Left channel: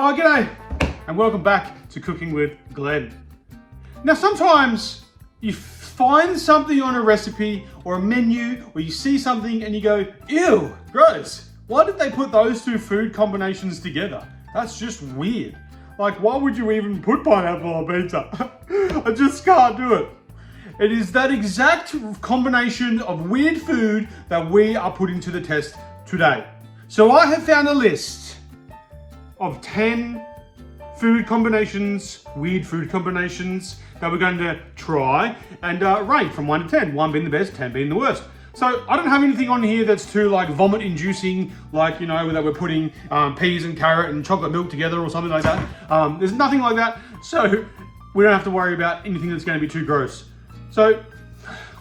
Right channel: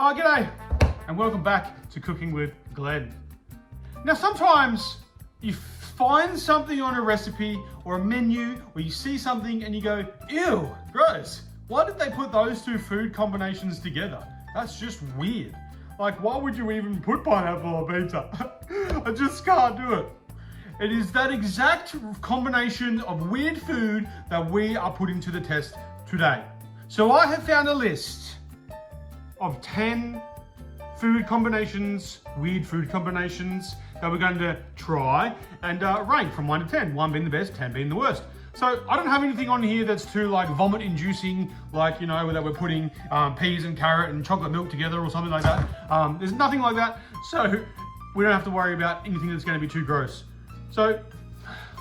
Oh, g'day, and welcome back to Cooking with Glenn. Now, sometimes you find something on a recipe or a menu, or you see something and you go, ew, gross. Why did they put those two food combinations together? That's just weird. Like, why would you even put pineapple on pizza? I just can't do it. It is that exact combination of weird food that we are putting to the test today. So I have found a list of 10 food combinations, weird food combinations that we're going to try and rate from 1 to 10. 1 being the best, 10 being the worst. So I don't have anything on here that's too like vomit inducing, like, you know, that we're putting peas and carrot and chocolate milk together or something like that. There's nothing like that. So we don't have to worry about anything that's going to be too gross. So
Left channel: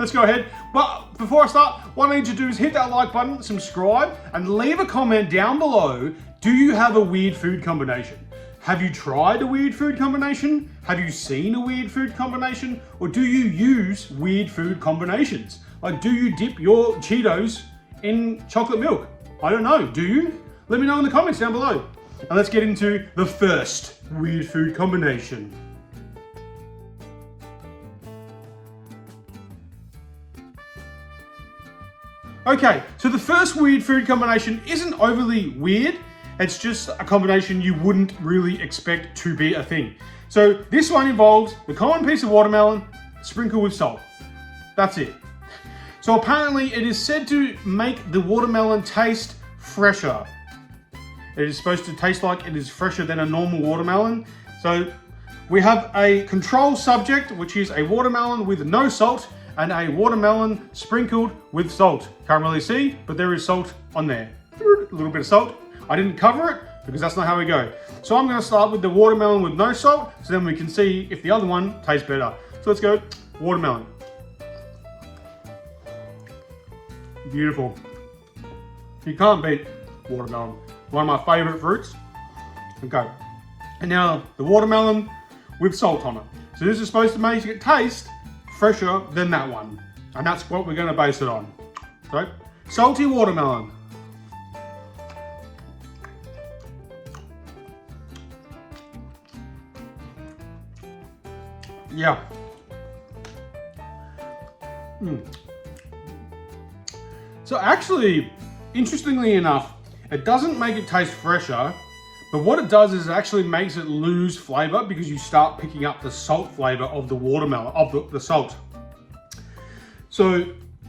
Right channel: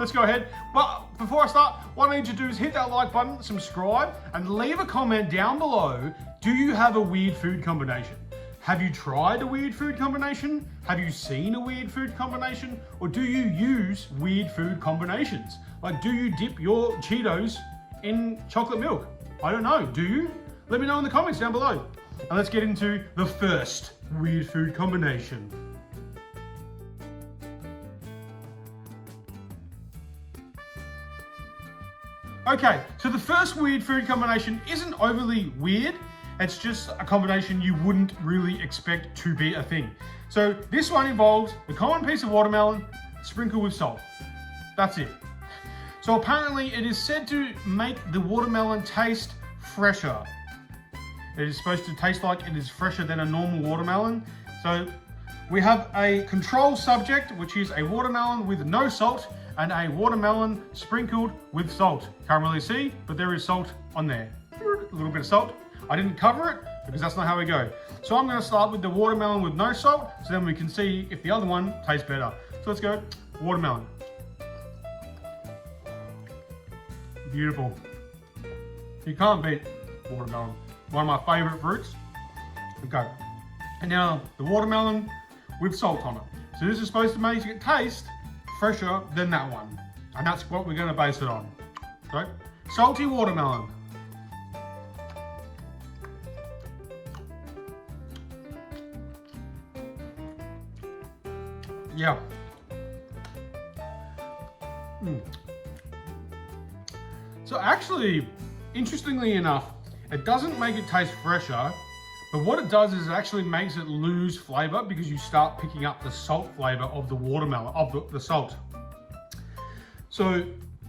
let's go ahead. But before I start, what I need to do is hit that like button, subscribe, and leave a comment down below. Do you have a weird food combination? Have you tried a weird food combination? Have you seen a weird food combination? Or do you use weird food combinations? Like, do you dip your Cheetos in chocolate milk? I don't know. Do you? Let me know in the comments down below. And let's get into the first weird food combination. Okay, so the first weird food combination isn't overly weird. It's just a combination you wouldn't really expect to be a thing. So this one involves the common piece of watermelon sprinkled with salt. That's it. So apparently it is said to make the watermelon taste fresher. It is supposed to taste like it is fresher than a normal watermelon. So we have a control subject, which is a watermelon with no salt and a watermelon sprinkled with salt. Can't really see, but there is salt on there. A little bit of salt. I didn't cover it because that's not how we go. So I'm going to start with the watermelon with no salt, so then we can see if the other one tastes better. So let's go watermelon. Beautiful. You can't beat watermelon. One of my favorite fruits. Okay. And now the watermelon with salt on it. So this is supposed to make it taste fresher than that one. And that's what we're going to base it on. So, salty watermelon. Yeah. So actually, interestingly enough, it doesn't make it taste fresher, but what it does is it actually makes it lose flavor because you start picking up the salt flavor of the watermelon, of the salt. So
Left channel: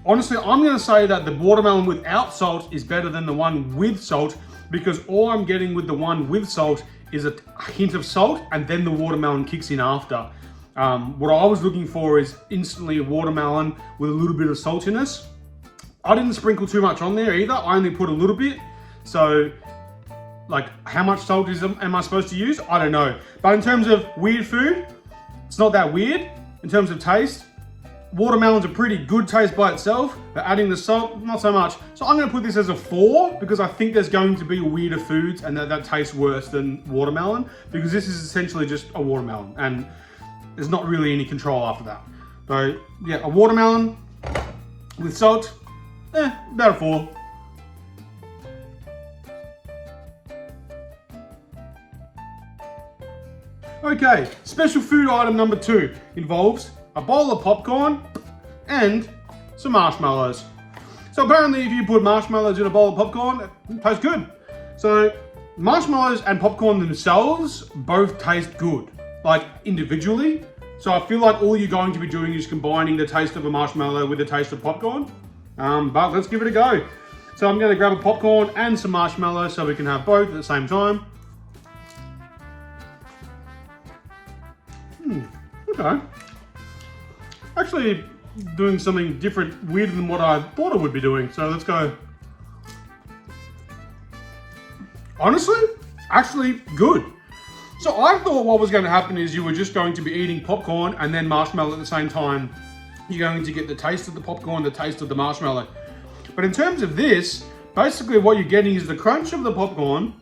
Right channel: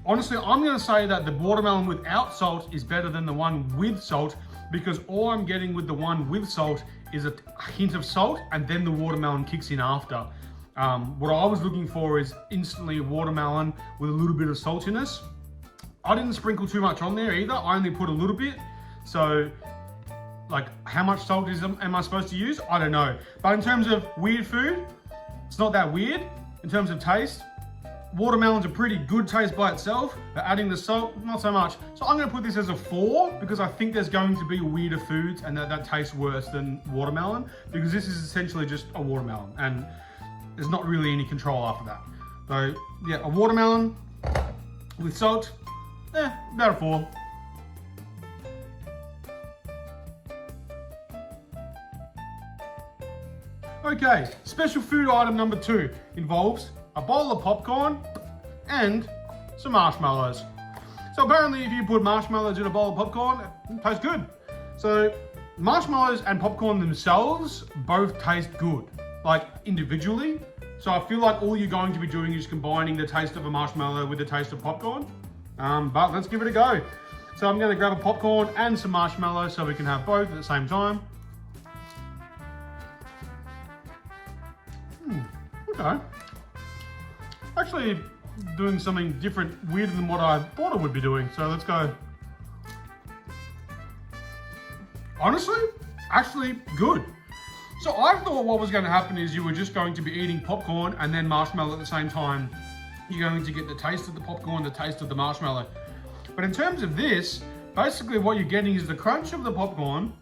honestly, I'm going to say that the watermelon without salt is better than the one with salt, because all I'm getting with the one with salt is a hint of salt, and then the watermelon kicks in after. What I was looking for is instantly a watermelon with a little bit of saltiness. I didn't sprinkle too much on there either. I only put a little bit. So, like, how much salt am I supposed to use? I don't know. But in terms of weird food, it's not that weird. In terms of taste, watermelon's a pretty good taste by itself, but adding the salt, not so much. So I'm going to put this as a 4 because I think there's going to be weirder foods and that tastes worse than watermelon, because this is essentially just a watermelon and there's not really any control after that. So yeah, a watermelon with salt, about a 4. Okay, special food item number 2 involves a bowl of popcorn and some marshmallows. So apparently if you put marshmallows in a bowl of popcorn, it tastes good. So marshmallows and popcorn themselves both taste good, like individually. So I feel like all you're going to be doing is combining the taste of a marshmallow with the taste of popcorn. But let's give it a go. So I'm going to grab a popcorn and some marshmallows so we can have both at the same time. Okay. Actually doing something different, weirder than what I thought I would be doing. So let's go. Honestly, actually good. So I thought what was going to happen is you were just going to be eating popcorn and then marshmallow at the same time. You're going to get the taste of the popcorn, the taste of the marshmallow. But in terms of this, basically what you're getting is the crunch of the popcorn,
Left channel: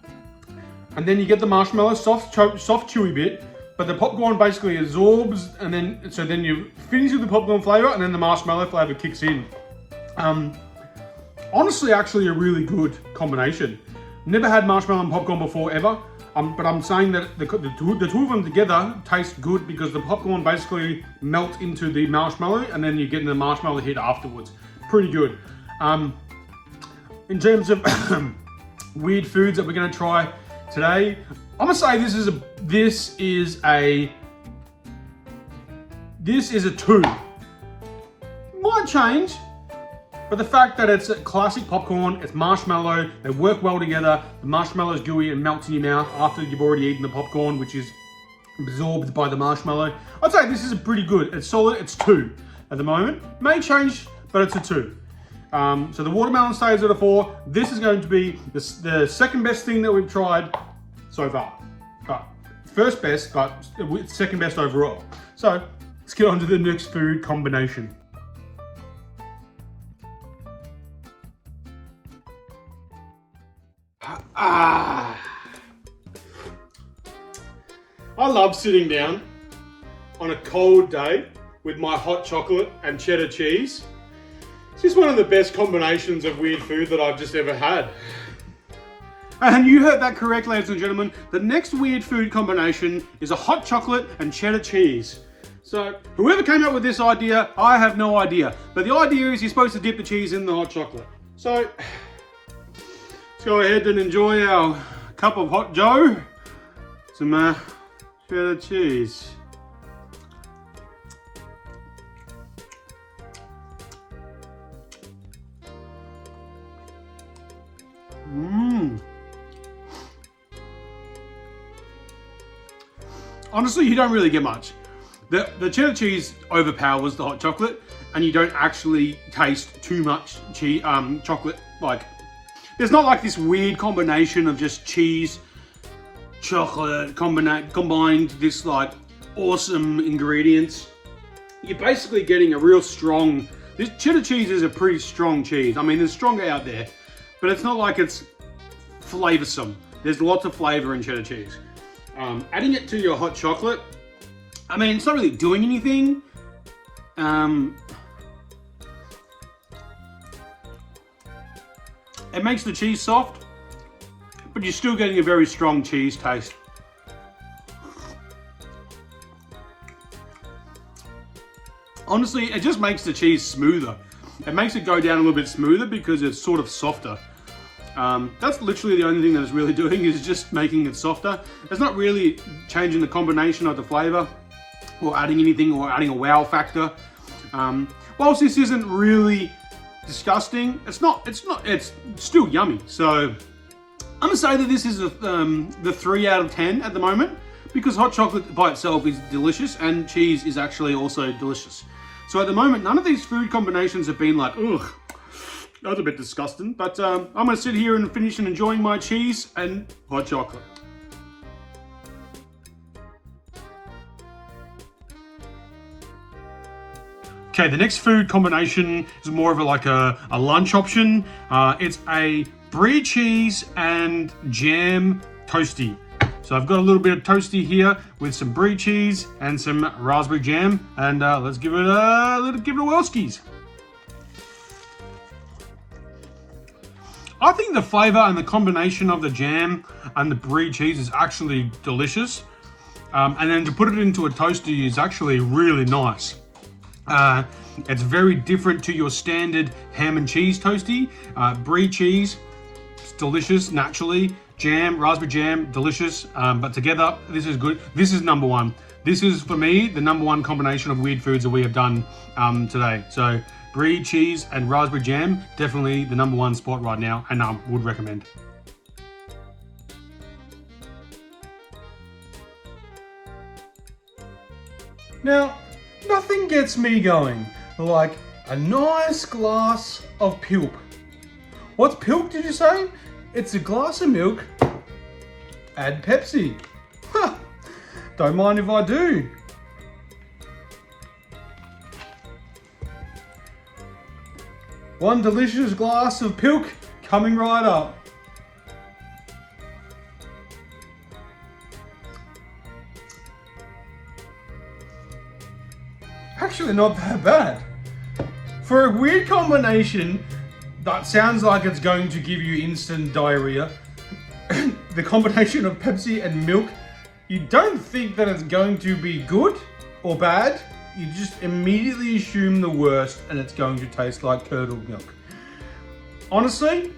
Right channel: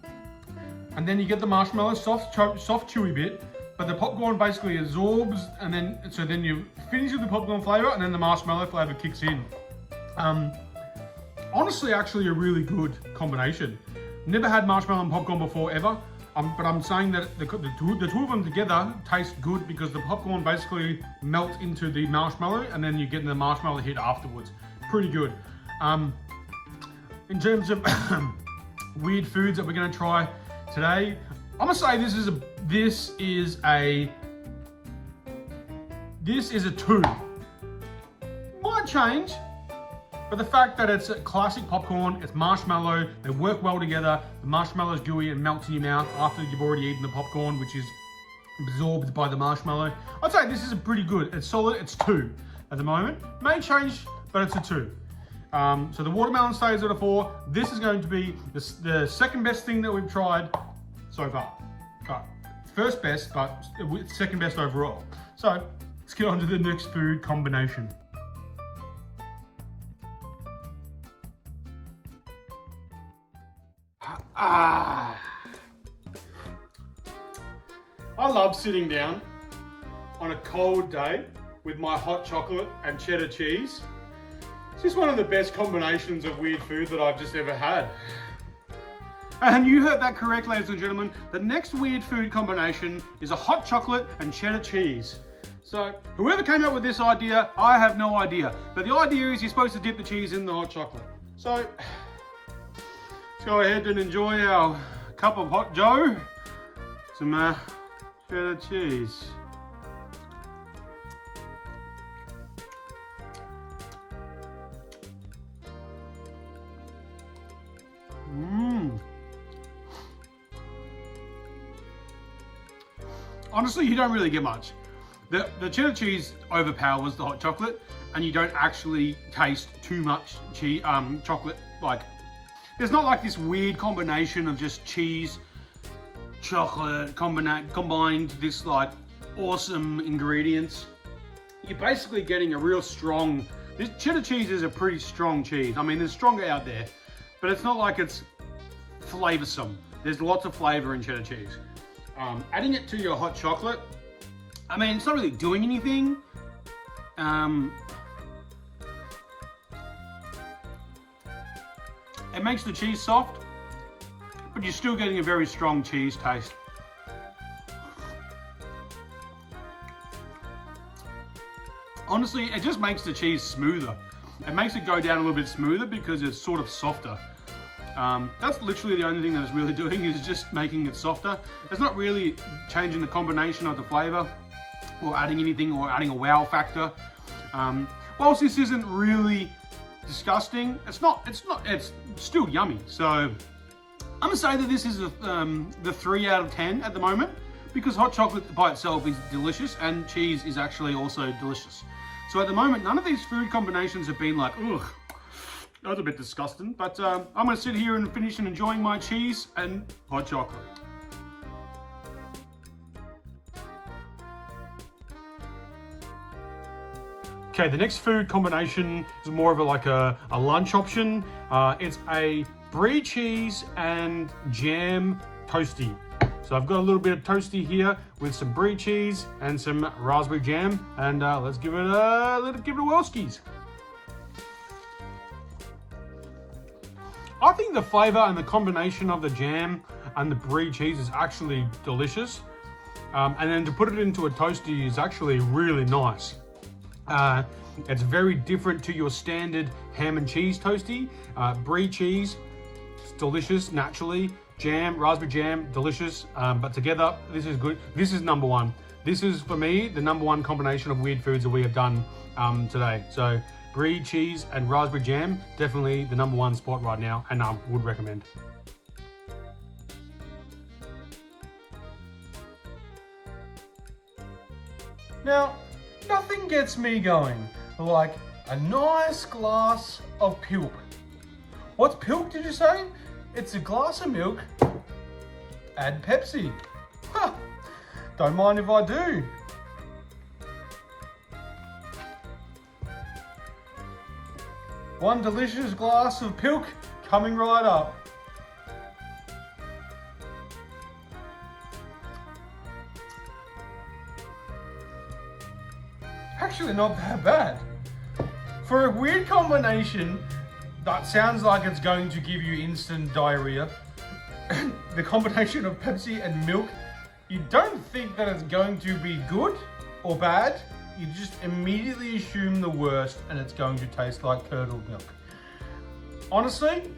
and then you get the marshmallow, soft chewy bit, but the popcorn basically absorbs, and then you finish with the popcorn flavor, and then the marshmallow flavor kicks in. Honestly, actually a really good combination. Never had marshmallow and popcorn before, ever. But I'm saying that the two of them together taste good because the popcorn basically melts into the marshmallow and then you're getting the marshmallow hit afterwards. Pretty good. In terms of weird foods that we're going to try today, I'm gonna say this is a 2. Might change, but the fact that it's a classic popcorn, it's marshmallow, they work well together. The marshmallow is gooey and melts in your mouth after you've already eaten the popcorn, which is absorbed by the marshmallow. I'd say this is pretty good. It's solid. It's 2 at the moment. May change, but it's a 2. So the watermelon stays at a 4. This is going to be the second best thing that we've tried so far. First best, but second best overall. So let's get on to the next food combination. I love sitting down on a cold day with my hot chocolate and cheddar cheese. It's just one of the best combinations of weird food that I've just ever had. And you heard that correct, ladies and gentlemen. The next weird food combination is a hot chocolate and cheddar cheese. So whoever came up with this idea, I have no idea. But the idea is you're supposed to dip the cheese in the hot chocolate. So let's go ahead and enjoy our cup of hot joe. Some cheddar cheese. Honestly, you don't really get much. The cheddar cheese overpowers the hot chocolate, and you don't actually taste too much chocolate. Like, there's not like this weird combination of just cheese, chocolate combined, this like awesome ingredients. You're basically getting a real strong. This cheddar cheese is a pretty strong cheese. I mean, there's stronger out there, but it's not like it's flavoursome. There's lots of flavour in cheddar cheese. Adding it to your hot chocolate, I mean, it's not really doing anything. It makes the cheese soft, but you're still getting a very strong cheese taste. Honestly, it just makes the cheese smoother. It makes it go down a little bit smoother because it's sort of softer. That's literally the only thing that it's really doing, is just making it softer. It's not really changing the combination of the flavor or adding anything or adding a wow factor. Whilst this isn't really disgusting, it's still yummy. So I'm gonna say that this is the 3 out of 10 at the moment, because hot chocolate by itself is delicious and cheese is actually also delicious. So at the moment, none of these food combinations have been like, ugh, that was a bit disgusting, but I'm gonna sit here and finish and enjoying my cheese and hot chocolate. Okay, the next food combination is more of a lunch option. It's a brie cheese and jam toasty. So I've got a little bit of toasty here with some brie cheese and some raspberry jam, and let's give it a whirlskis. I think the flavor and the combination of the jam and the brie cheese is actually delicious. And then to put it into a toasty is actually really nice. It's very different to your standard ham and cheese toasty. Brie cheese, it's delicious naturally. Jam, raspberry jam, delicious. But together, this is good. This is number one. This is, for me, the number one combination of weird foods that we have done today. So brie cheese and raspberry jam, definitely the number one spot right now, and I would recommend. Now, nothing gets me going like a nice glass of pilk. What's pilk, did you say? It's a glass of milk, add Pepsi. Huh, don't mind if I do. One delicious glass of pilk coming right up. Actually not that bad. For a weird combination that sounds like it's going to give you instant diarrhea, the combination of Pepsi and milk, you don't think that it's going to be good or bad. You just immediately assume the worst and it's going to taste like curdled milk. Honestly,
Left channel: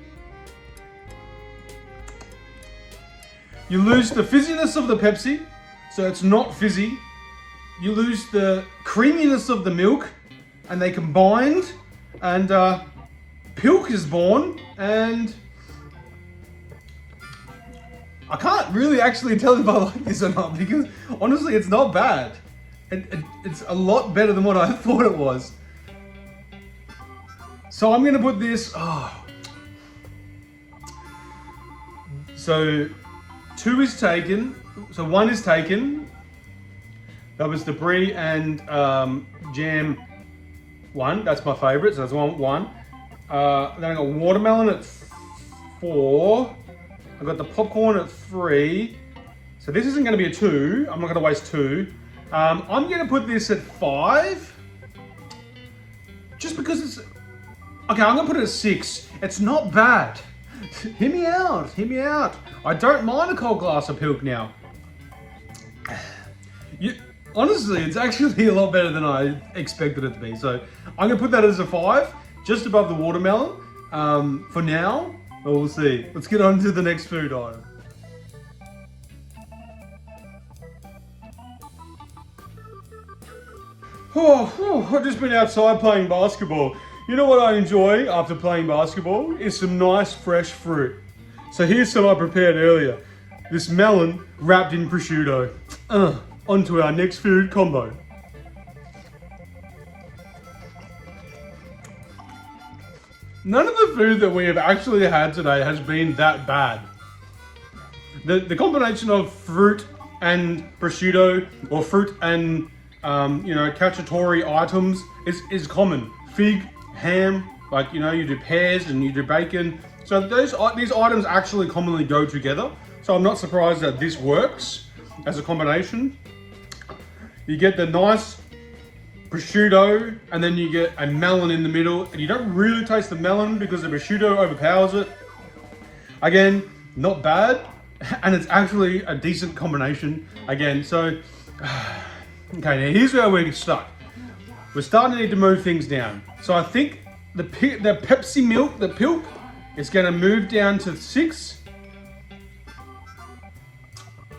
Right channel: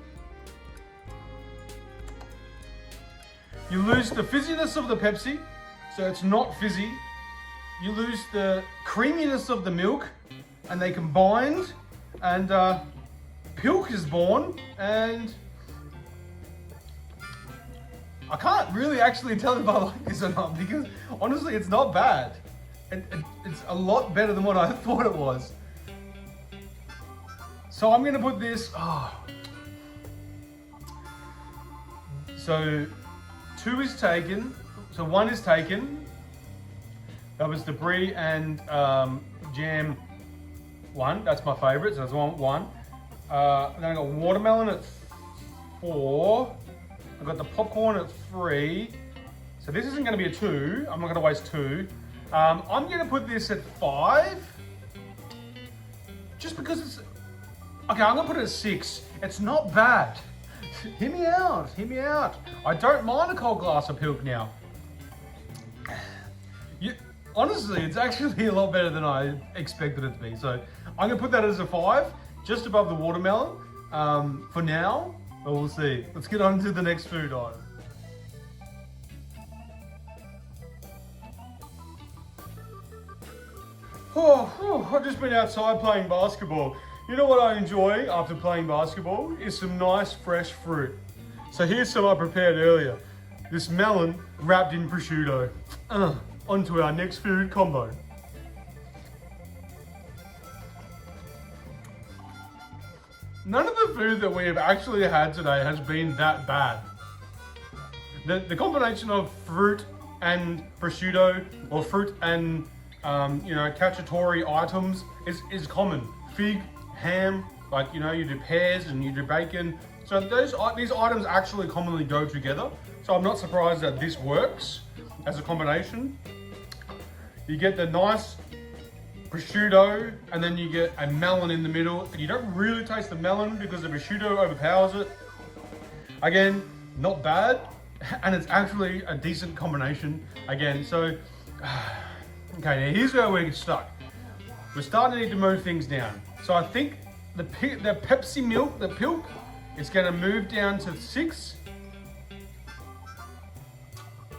you lose the fizziness of the Pepsi, so it's not fizzy. You lose the creaminess of the milk, and they combined, and Pilk is born, and I can't really actually tell if I like this or not, because honestly it's not bad. It's a lot better than what I thought it was. So I'm gonna put this, so 2 is taken, so 1 is taken. That was the brie and jam 1, that's my favorite, so that's one. Then I got watermelon at 4. I got the popcorn at 3. So this isn't gonna be a 2, I'm not gonna waste 2. I'm gonna put this at 5. Just because it's, okay, I'm gonna put it at 6. It's not bad. Hear me out, hear me out. I don't mind a cold glass of Pilk now. Honestly, it's actually a lot better than I expected it to be. So I'm gonna put that as a 5, just above the watermelon. For now, but we'll see. Let's get on to the next food item. I've just been outside playing basketball. You know what I enjoy after playing basketball? Is some nice fresh fruit. So here's some I prepared earlier. This melon wrapped in prosciutto. Onto our next food combo. None of the food that we have actually had today has been that bad. The combination of fruit and prosciutto, or fruit and cacciatore items is common. Fig, ham, like you do pears and you do bacon. So these items actually commonly go together. So I'm not surprised that this works as a combination. You get the nice prosciutto, and then you get a melon in the middle, and you don't really taste the melon because the prosciutto overpowers it. Again, not bad, and it's actually a decent combination. Again, so, okay, now here's where we're stuck. We're starting to need to move things down. So I think the Pepsi milk, the Pilk, is gonna move down to 6.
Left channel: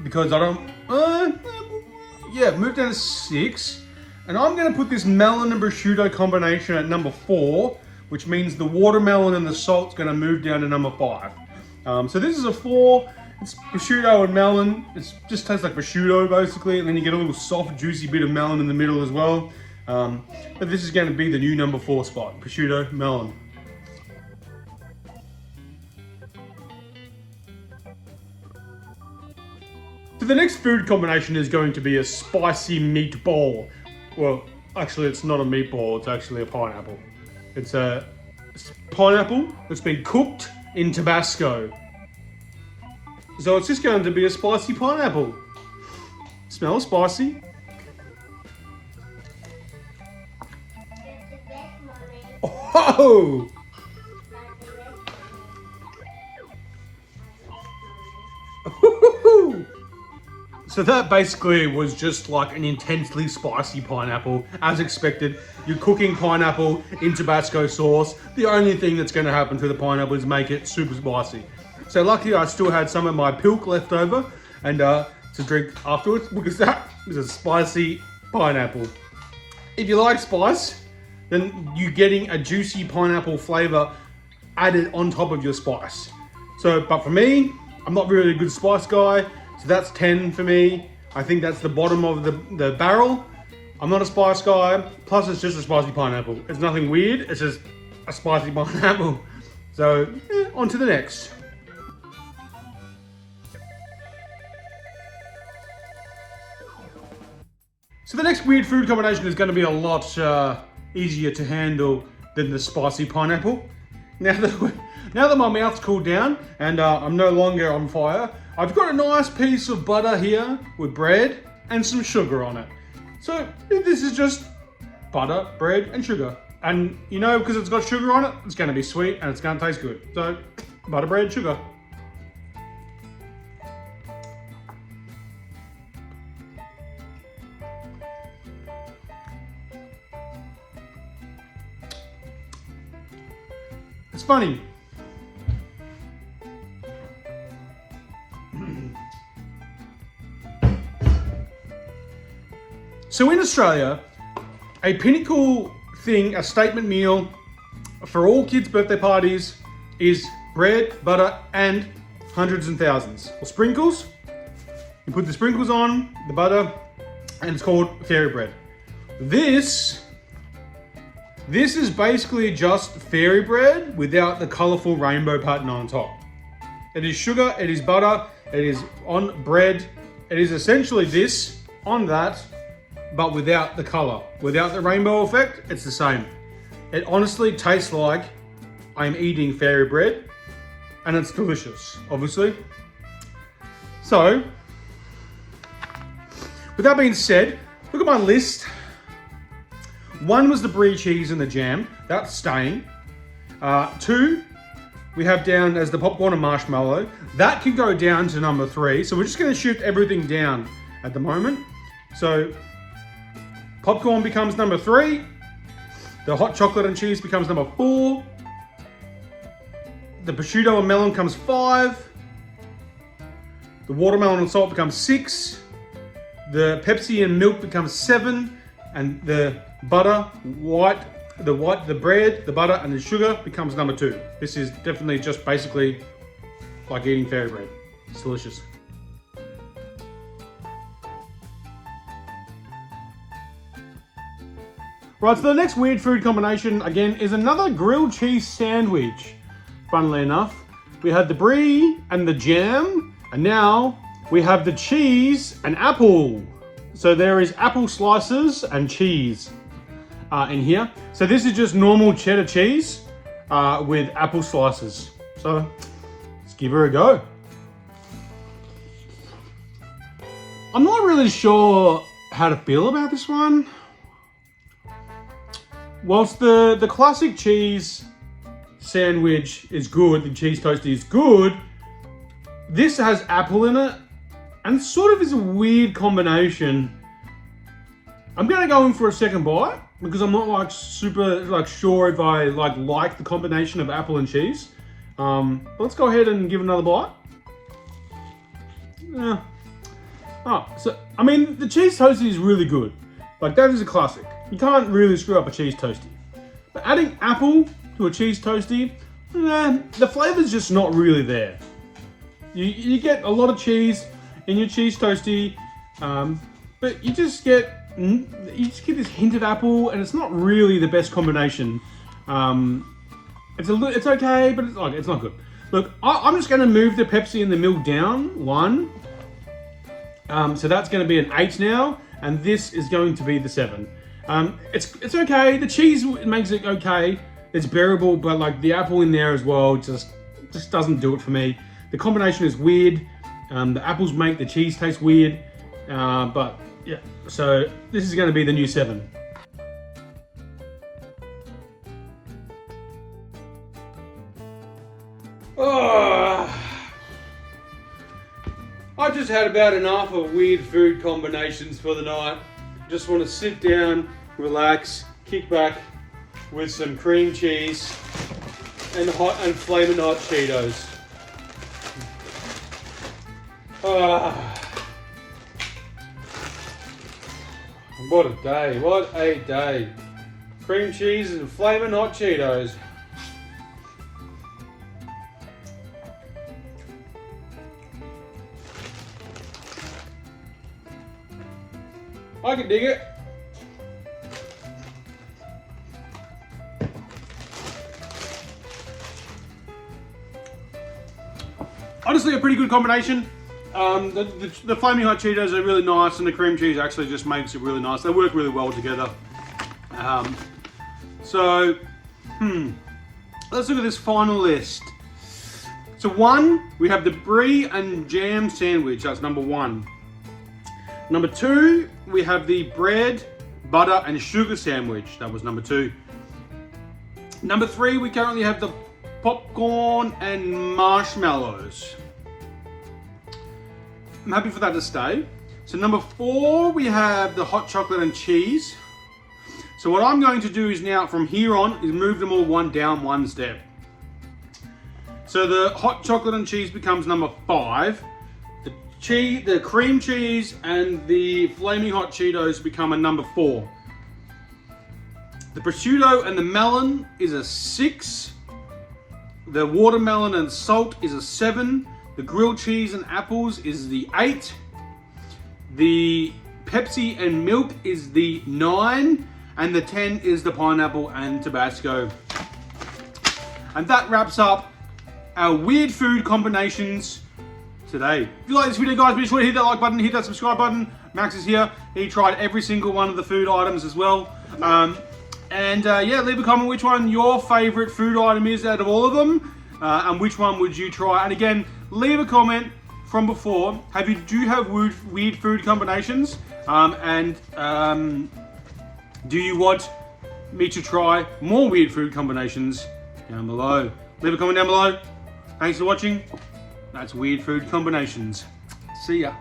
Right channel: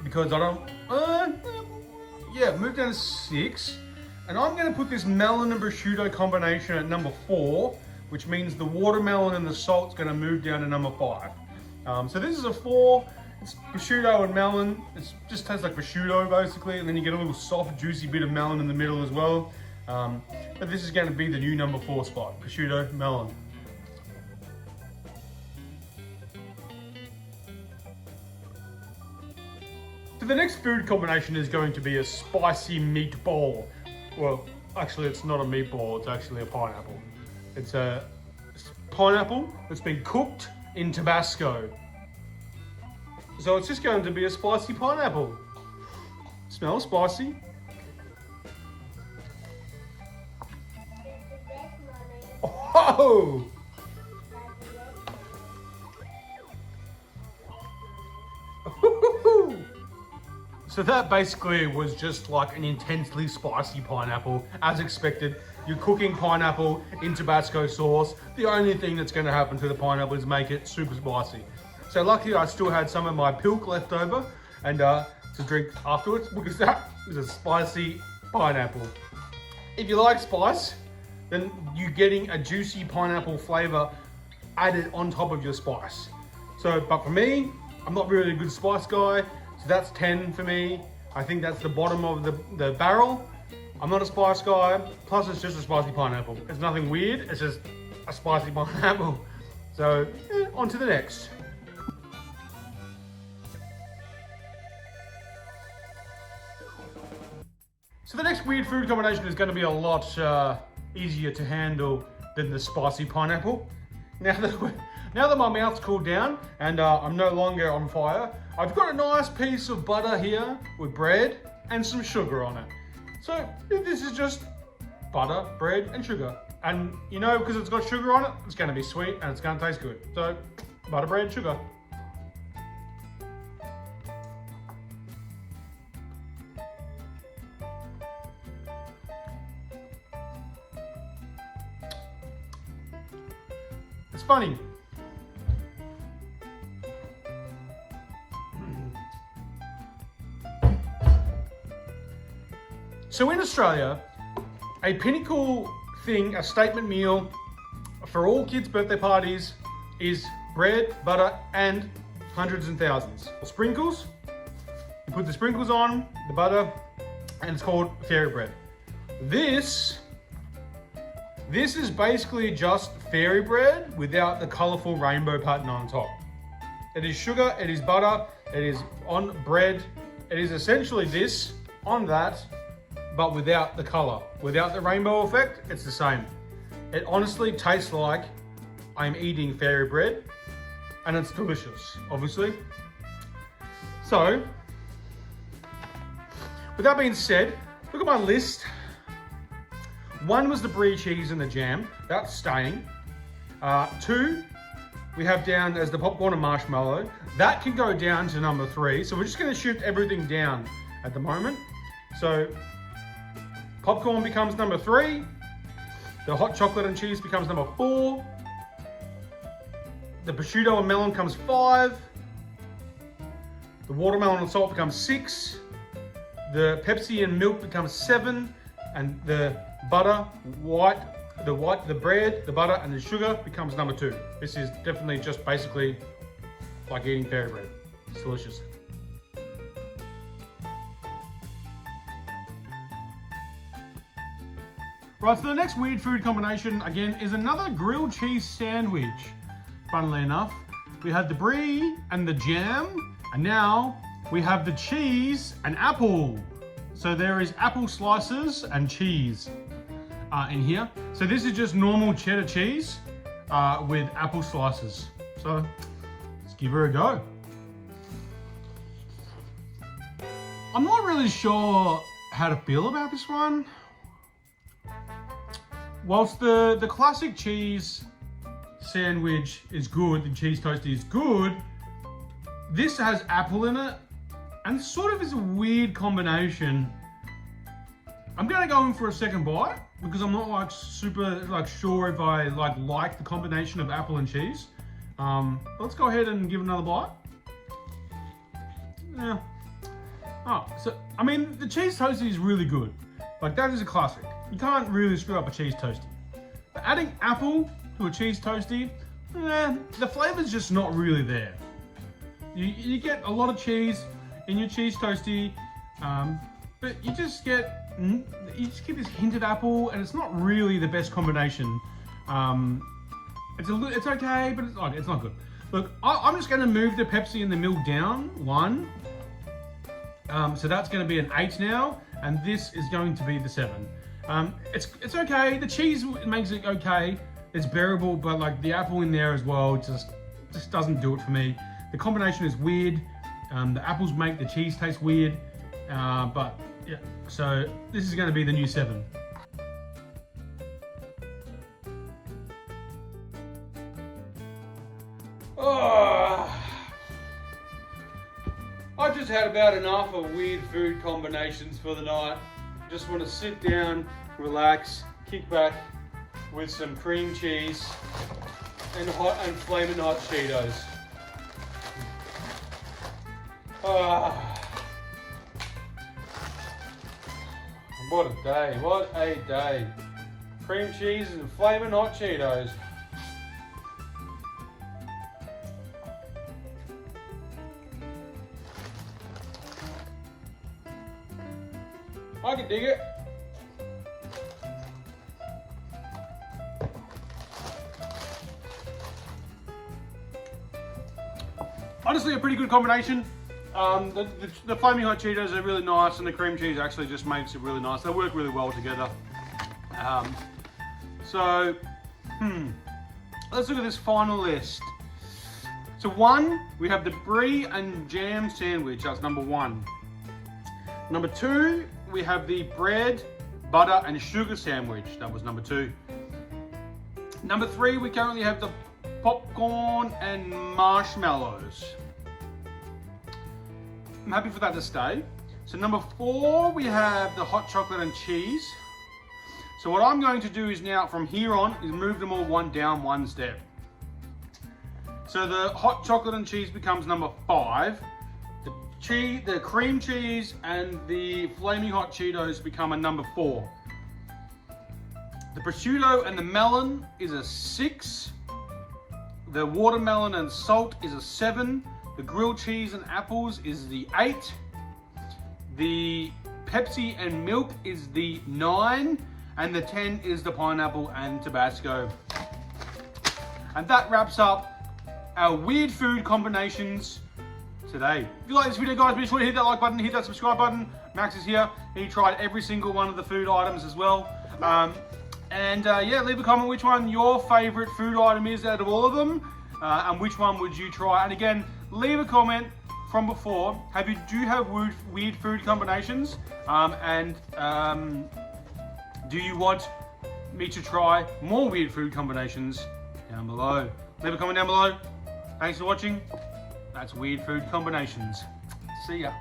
Because I don't, move down to 6. And I'm gonna put this melon and prosciutto combination at number 4, which means the watermelon and the salt's gonna move down to number 5. So this is a 4, it's prosciutto and melon. It just tastes like prosciutto basically, and then you get a little soft, juicy bit of melon in the middle as well. But this is gonna be the new number 4 spot, prosciutto, melon. So the next food combination is going to be a spicy meatball. Well, actually it's not a meatball, it's actually a pineapple. It's a pineapple that's been cooked in Tabasco. So it's just going to be a spicy pineapple. Smells spicy. Oh! So that basically was just like an intensely spicy pineapple. As expected, you're cooking pineapple in Tabasco sauce. The only thing that's gonna happen to the pineapple is make it super spicy. So luckily I still had some of my Pilk left over and to drink afterwards, because that is a spicy pineapple. If you like spice, then you're getting a juicy pineapple flavor added on top of your spice. So, but for me, I'm not really a good spice guy. So that's 10 for me. I think that's the bottom of the barrel. I'm not a spice guy. Plus it's just a spicy pineapple. It's nothing weird, it's just a spicy pineapple. So, on to the next. So the next weird food combination is going to be a lot easier to handle than the spicy pineapple. Now that my mouth's cooled down and I'm no longer on fire, I've got a nice piece of butter here with bread and some sugar on it. So this is just butter, bread, and sugar. And you know, because it's got sugar on it, it's going to be sweet and it's going to taste good. So butter, bread, sugar. It's funny. So in Australia, a pinnacle thing, a statement meal for all kids' birthday parties is bread, butter, and hundreds and thousands. Or sprinkles. You put the sprinkles on, the butter, and it's called fairy bread. This is basically just fairy bread without the colourful rainbow pattern on top. It is sugar, it is butter, it is on bread. It is essentially this on that, but without the colour. Without the rainbow effect, it's the same. It honestly tastes like I'm eating fairy bread, and it's delicious, obviously. So, with that being said, look at my list. 1 was the brie cheese and the jam. That's staying. 2, we have down as the popcorn and marshmallow. That can go down to number 3. So we're just going to shift everything down at the moment. So popcorn becomes number 3. The hot chocolate and cheese becomes number 4. The prosciutto and melon comes 5. The watermelon and salt becomes 6. The Pepsi and milk becomes 7. And the butter, the bread, the butter, and the sugar becomes number 2. This is definitely just basically like eating fairy bread. It's delicious. Right, so the next weird food combination, again, is another grilled cheese sandwich. Funnily enough, we had the brie and the jam, and now we have the cheese and apple. So there is apple slices and cheese in here. So this is just normal cheddar cheese with apple slices. So let's give her a go. I'm not really sure how to feel about this one. Whilst the classic cheese sandwich is good, the cheese toasty is good, this has apple in it and sort of is a weird combination. I'm gonna go in for a second bite because I'm not like super sure if I like the combination of apple and cheese. Let's go ahead and give another bite. Yeah. Oh, so I mean the cheese toasty is really good. Like that is a classic. You can't really screw up a cheese toasty. But adding apple to a cheese toasty, the flavor's just not really there. You get a lot of cheese in your cheese toasty, but you just get this hint of apple, and it's not really the best combination. It's okay, but it's not good. Look, I'm just going to move the Pepsi and the milk down 1. So that's going to be an 8 now, and this is going to be the 7. It's okay. The cheese makes it okay. It's bearable, but like the apple in there as well just doesn't do it for me. The combination is weird. The apples make the cheese taste weird, but yeah. So this is going to be the new 7. Oh, I've just had about enough of weird food combinations for the night. Just want to sit down, relax, kick back with some cream cheese and flaming hot Cheetos. What a day, what a day. Cream cheese and flaming hot Cheetos. I can dig it. Honestly, a pretty good combination. The flaming hot Cheetos are really nice, and the cream cheese actually just makes it really nice. They work really well together. Let's look at this final list. So 1, we have the brie and jam sandwich. That's number 1. Number 2, we have the bread, butter, and sugar sandwich. That was number 2. Number 3, we currently have the popcorn and marshmallows. I'm happy for that to stay. So number 4, we have the hot chocolate and cheese. So what I'm going to do is now, from here on, is move them all 1 down, 1 step. So the hot chocolate and cheese becomes number 5. The cream cheese and the flaming hot Cheetos become a number 4. The prosciutto and the melon is a 6. The watermelon and salt is a 7. The grilled cheese and apples is the 8. The Pepsi and milk is the 9. And the 10 is the pineapple and Tabasco. And that wraps up our weird food combinations today. If you like this video, guys, be sure to hit that like button, hit that subscribe button. Max is here. He tried every single one of the food items as well. Yeah, leave a comment which one your favorite food item is out of all of them, and which one would you try. And again, leave a comment from before. Do you have weird food combinations? Do you want me to try more weird food combinations? Down below. Leave a comment down below. Thanks for watching. That's Weird Food Combinations. See ya.